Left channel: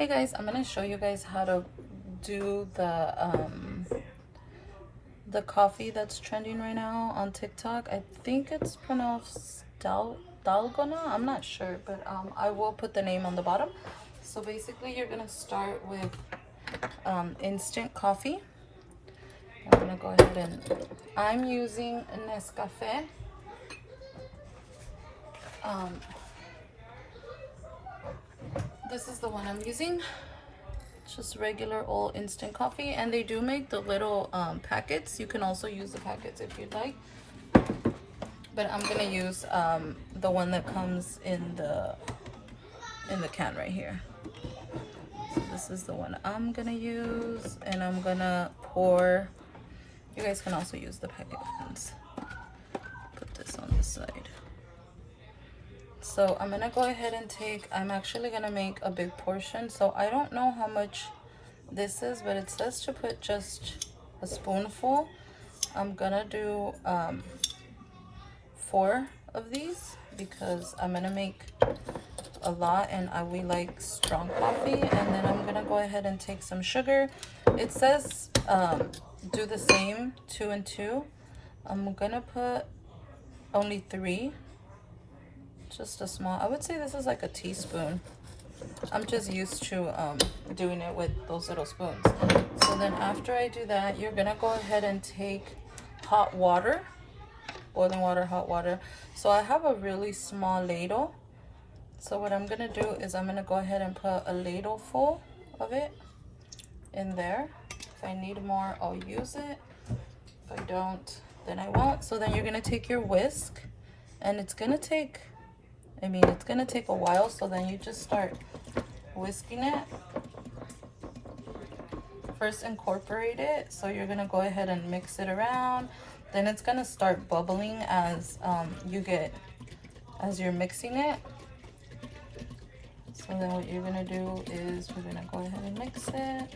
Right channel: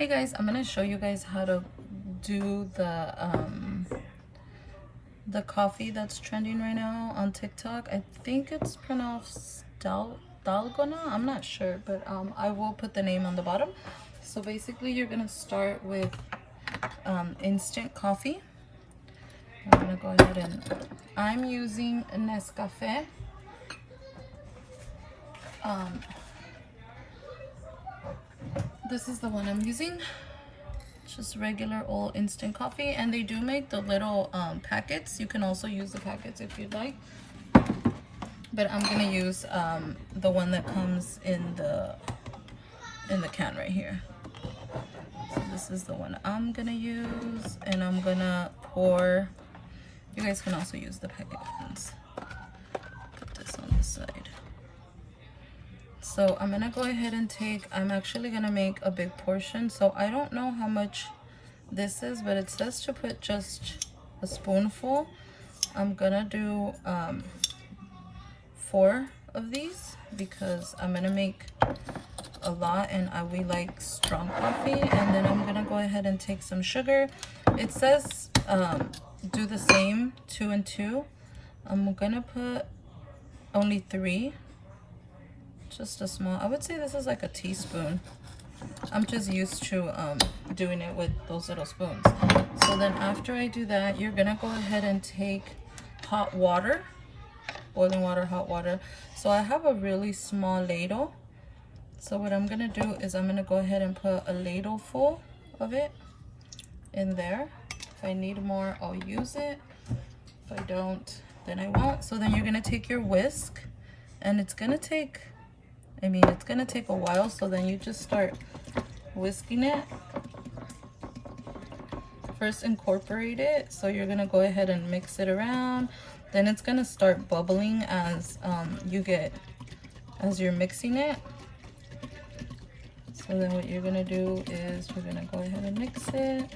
Hey guys, I'm gonna show you guys how to do the coffee that's trending right now on TikTok. I think it's pronounced Dalgona. I'm not sure, but I will put the name on the bottom. So basically, you're gonna start with instant coffee. I'm gonna go ahead and I'm using a Nescafé. This is the one I'm using. Just regular old instant coffee, and they do make the little packets. You can also use the packets if you'd like, but I'm gonna use the one that comes in the can right here. So this is the one I'm gonna use, and I'm gonna pour. You guys can also use the packet ones. Put this on the side. So I'm gonna go ahead and I'm actually gonna make a big portion. So I don't know how much this is, but it says to put just a spoonful. I'm gonna do 4 of these because I'm gonna make a lot, and we like strong coffee. And then I'm gonna go ahead and take some sugar. It says do the same 2 and 2. I'm gonna put only 3, just a small. I would say this is like a teaspoon. I'm just used to doing it with those little spoons. So then after I do that, you're gonna go ahead and take hot water, boiling water, hot water. So I have a really small ladle. So what I'm gonna do is I'm gonna go ahead and put a ladle full of it in there. If I need more, I'll use it. If I don't, then I won't. So then you're gonna take your whisk, and it's gonna take, it's gonna take a while. So then you just start whisking it. First incorporate it. So you're gonna go ahead and mix it around. Then it's gonna start bubbling as you're mixing it. So then what you're gonna do is we're gonna go ahead and mix it.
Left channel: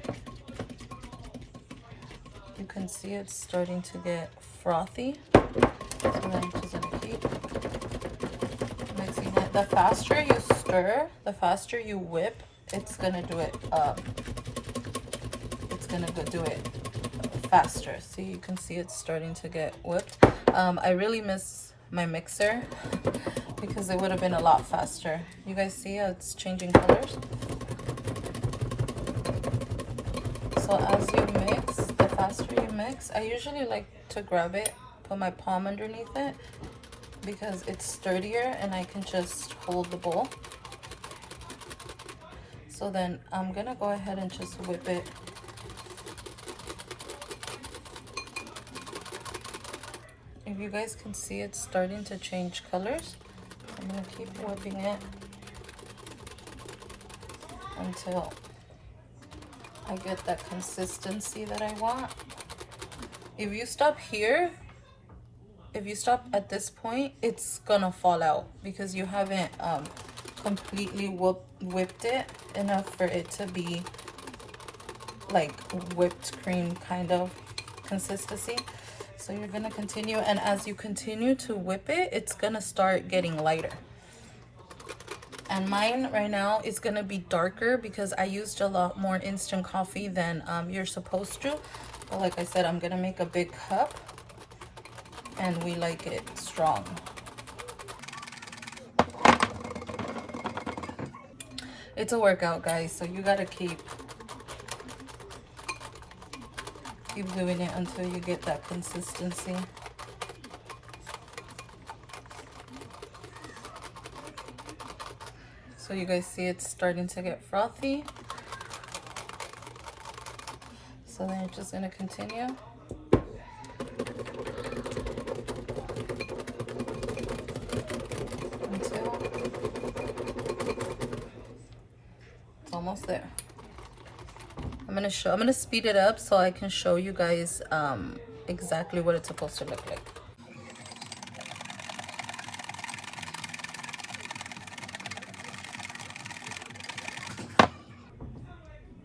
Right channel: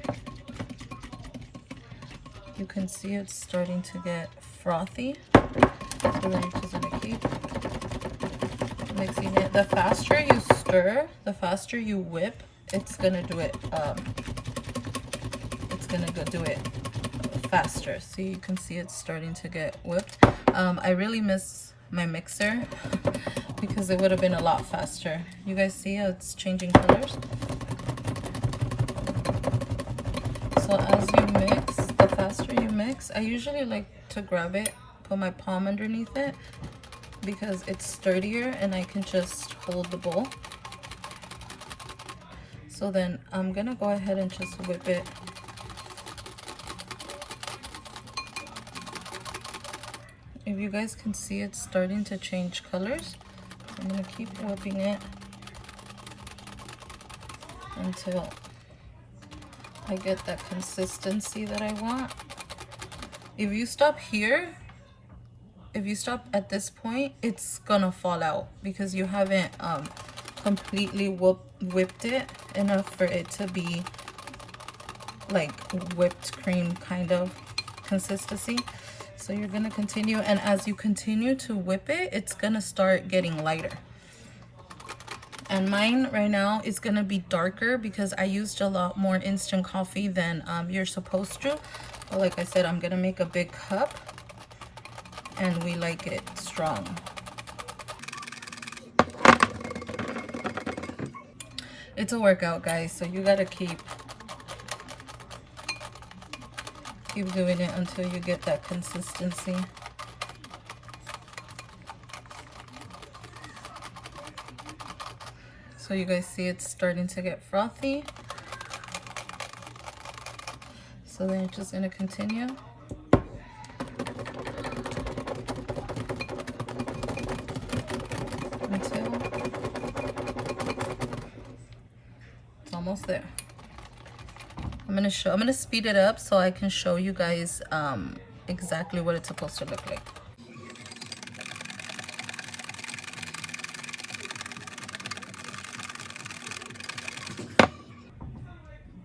You can see it's starting to get frothy. So then you're just gonna keep mixing it. The faster you stir, the faster you whip, it's gonna do it. It's gonna do it faster. So you can see it's starting to get whipped. I really miss my mixer because it would have been a lot faster. You guys see how it's changing colors? So as you mix, the faster you mix, I usually like to grab it, put my palm underneath it, because it's sturdier and I can just hold the bowl. So then I'm gonna go ahead and just whip it. If you guys can see, it's starting to change colors. I'm gonna keep whipping it until I get that consistency that I want. If you stop here, if you stop at this point, it's gonna fall out because you haven't completely whipped it enough for it to be like whipped cream kind of consistency. So you're gonna continue, and as you continue to whip it, it's gonna start getting lighter. And mine right now is gonna be darker because I used a lot more instant coffee than you're supposed to. But like I said, I'm gonna make a big cup, and we like it strong. It's a workout, guys, so you gotta keep doing it until you get that consistency. So you guys see it's starting to get frothy. So then you're just gonna continue. Until it's almost there. I'm gonna speed it up so I can show you guys exactly what it's supposed to look like.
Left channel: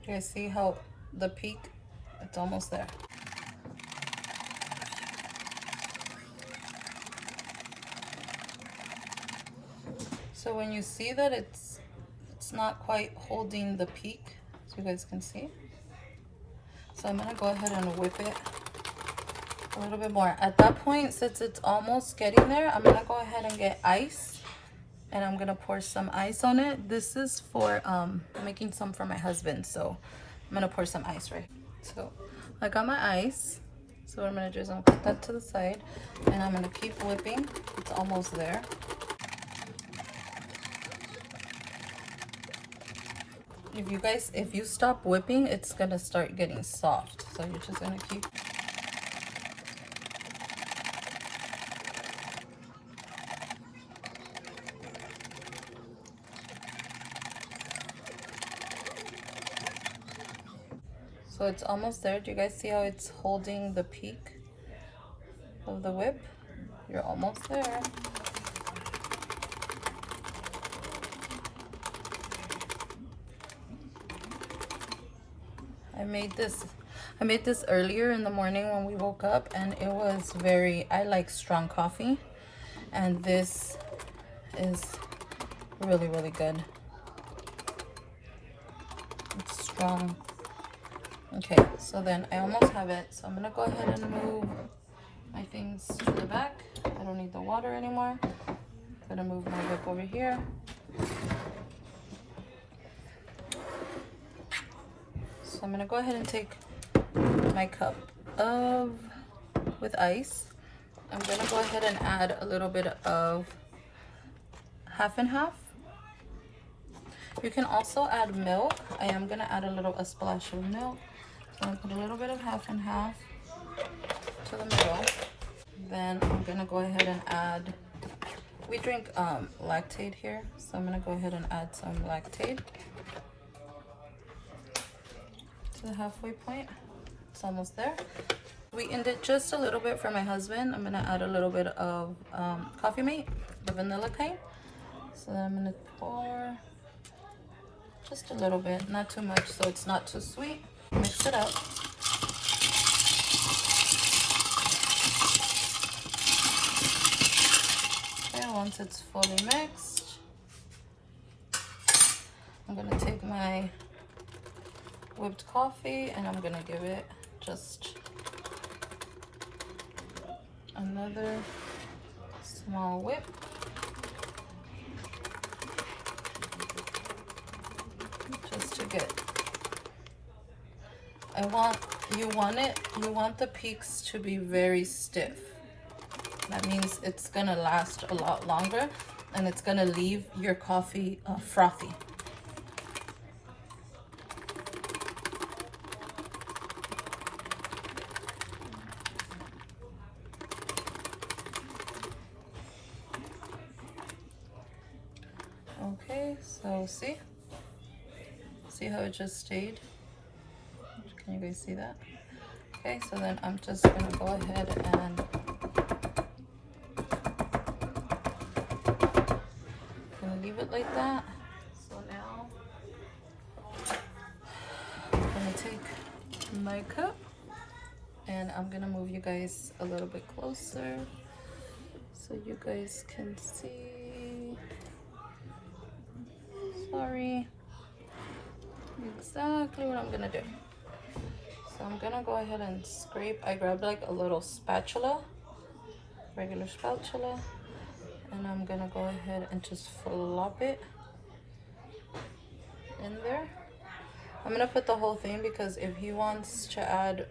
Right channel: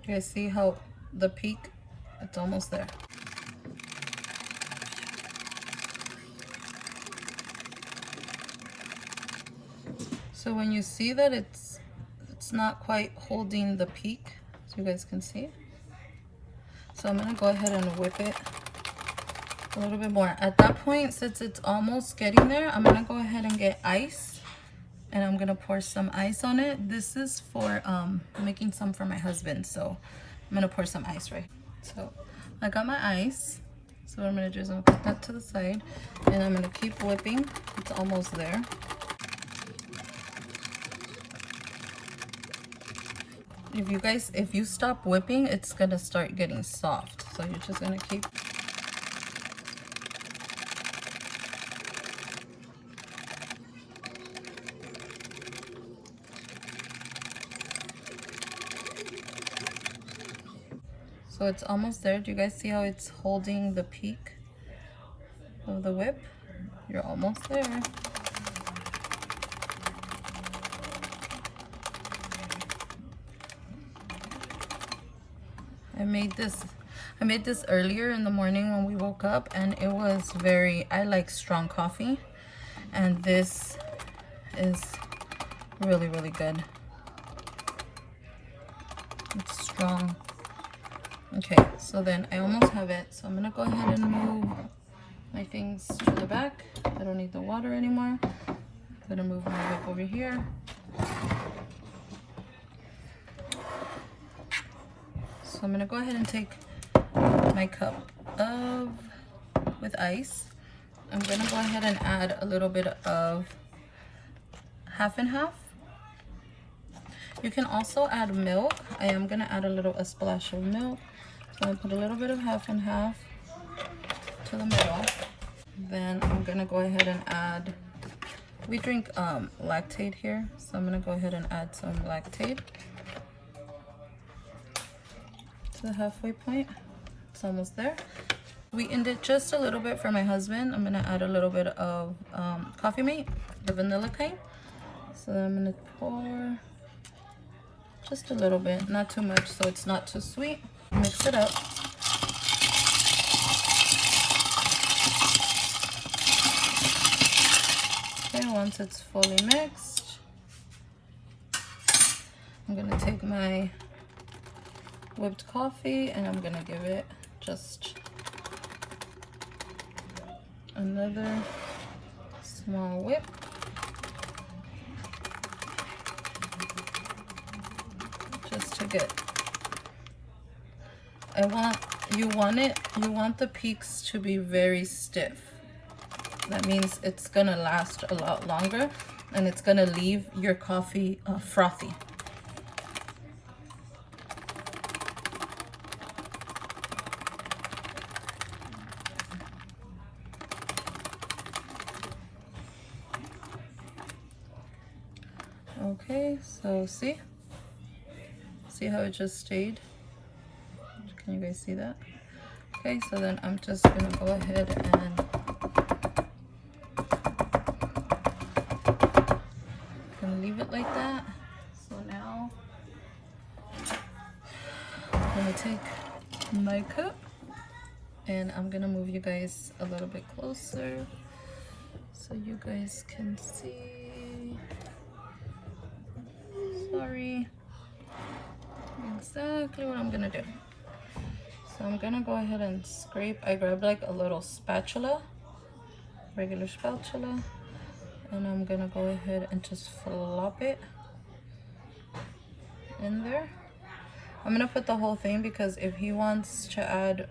You guys see how the peak, it's almost there. So when you see that it's it's not quite holding the peak, so you guys can see. So I'm gonna go ahead and whip it a little bit more. At that point, since it's almost getting there, I'm gonna go ahead and get ice, and I'm gonna pour some ice on it. This is for making some for my husband, so I'm gonna pour some ice right. So I got my ice. So what I'm gonna do is I'm gonna put that to the side, and I'm gonna keep whipping. It's almost there. If you stop whipping, it's gonna start getting soft. So you're just gonna keep. So it's almost there. Do you guys see how it's holding the peak of the whip? You're almost there. I made this earlier in the morning when we woke up, and it was I like strong coffee, and this is really, really good. It's strong. Okay, so then I almost have it, so I'm gonna go ahead and move my things to the back. I don't need the water anymore. I'm gonna move my whip over here. So I'm gonna go ahead and take my cup with ice. I'm gonna go ahead and add a little bit of half and half. You can also add milk. I am gonna add a splash of milk. So I'm gonna put a little bit of half and half to the middle. Then I'm gonna go ahead and add, we drink lactate here, so I'm gonna go ahead and add some lactate to the halfway point. It's almost there. Sweetened it just a little bit for my husband. I'm gonna add a little bit of coffee mate, the vanilla kind. So I'm gonna pour just a little bit, not too much, so it's not too sweet. Mix it up. Okay, once it's fully mixed, I'm gonna take my whipped coffee and I'm gonna give it just another small whip. Just to get, you want the peaks to be very stiff. That means it's gonna last a lot longer and it's gonna leave your coffee frothy. Okay, so see how it just stayed? Can you guys see that? Okay, so then I'm just gonna go ahead and gonna leave it like that. So now I'm gonna take my cup and I'm gonna move you guys a little bit closer so you guys can see. Sorry. Exactly what I'm gonna do. So I'm gonna go ahead and scrape. I grabbed like a little spatula, regular spatula, and I'm gonna go ahead and just flop it in there. I'm gonna put the whole thing because if he wants to add,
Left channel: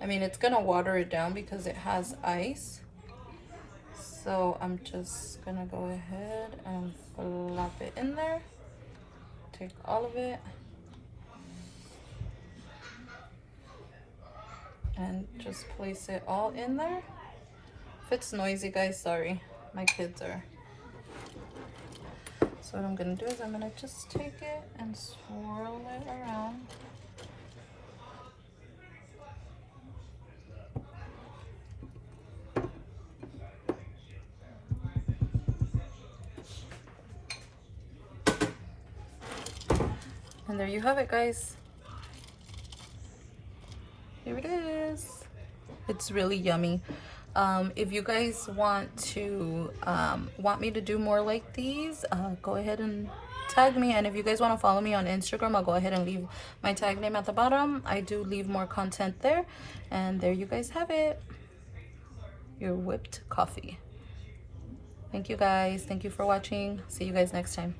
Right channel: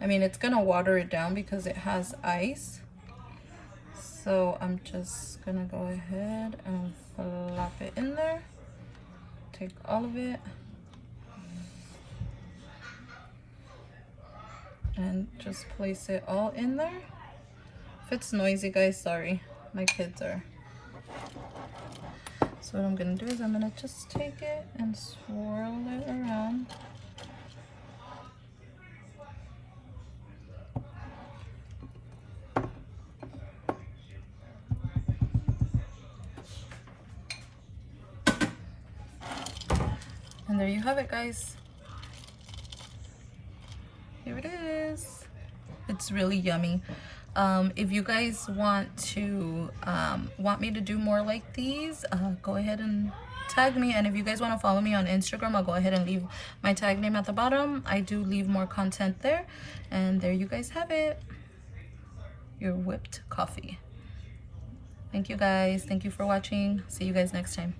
I mean, it's gonna water it down because it has ice. So I'm just gonna go ahead and flop it in there. Take all of it. And just place it all in there. If it's noisy, guys, sorry. My kids are. So what I'm gonna do is I'm gonna just take it and swirl it around. And there you have it, guys. Here it is. It's really yummy. If you guys want me to do more like these, go ahead and tag me. And if you guys want to follow me on Instagram, I'll go ahead and leave my tag name at the bottom. I do leave more content there. And there you guys have it, your whipped coffee. Thank you guys. Thank you for watching. See you guys next time.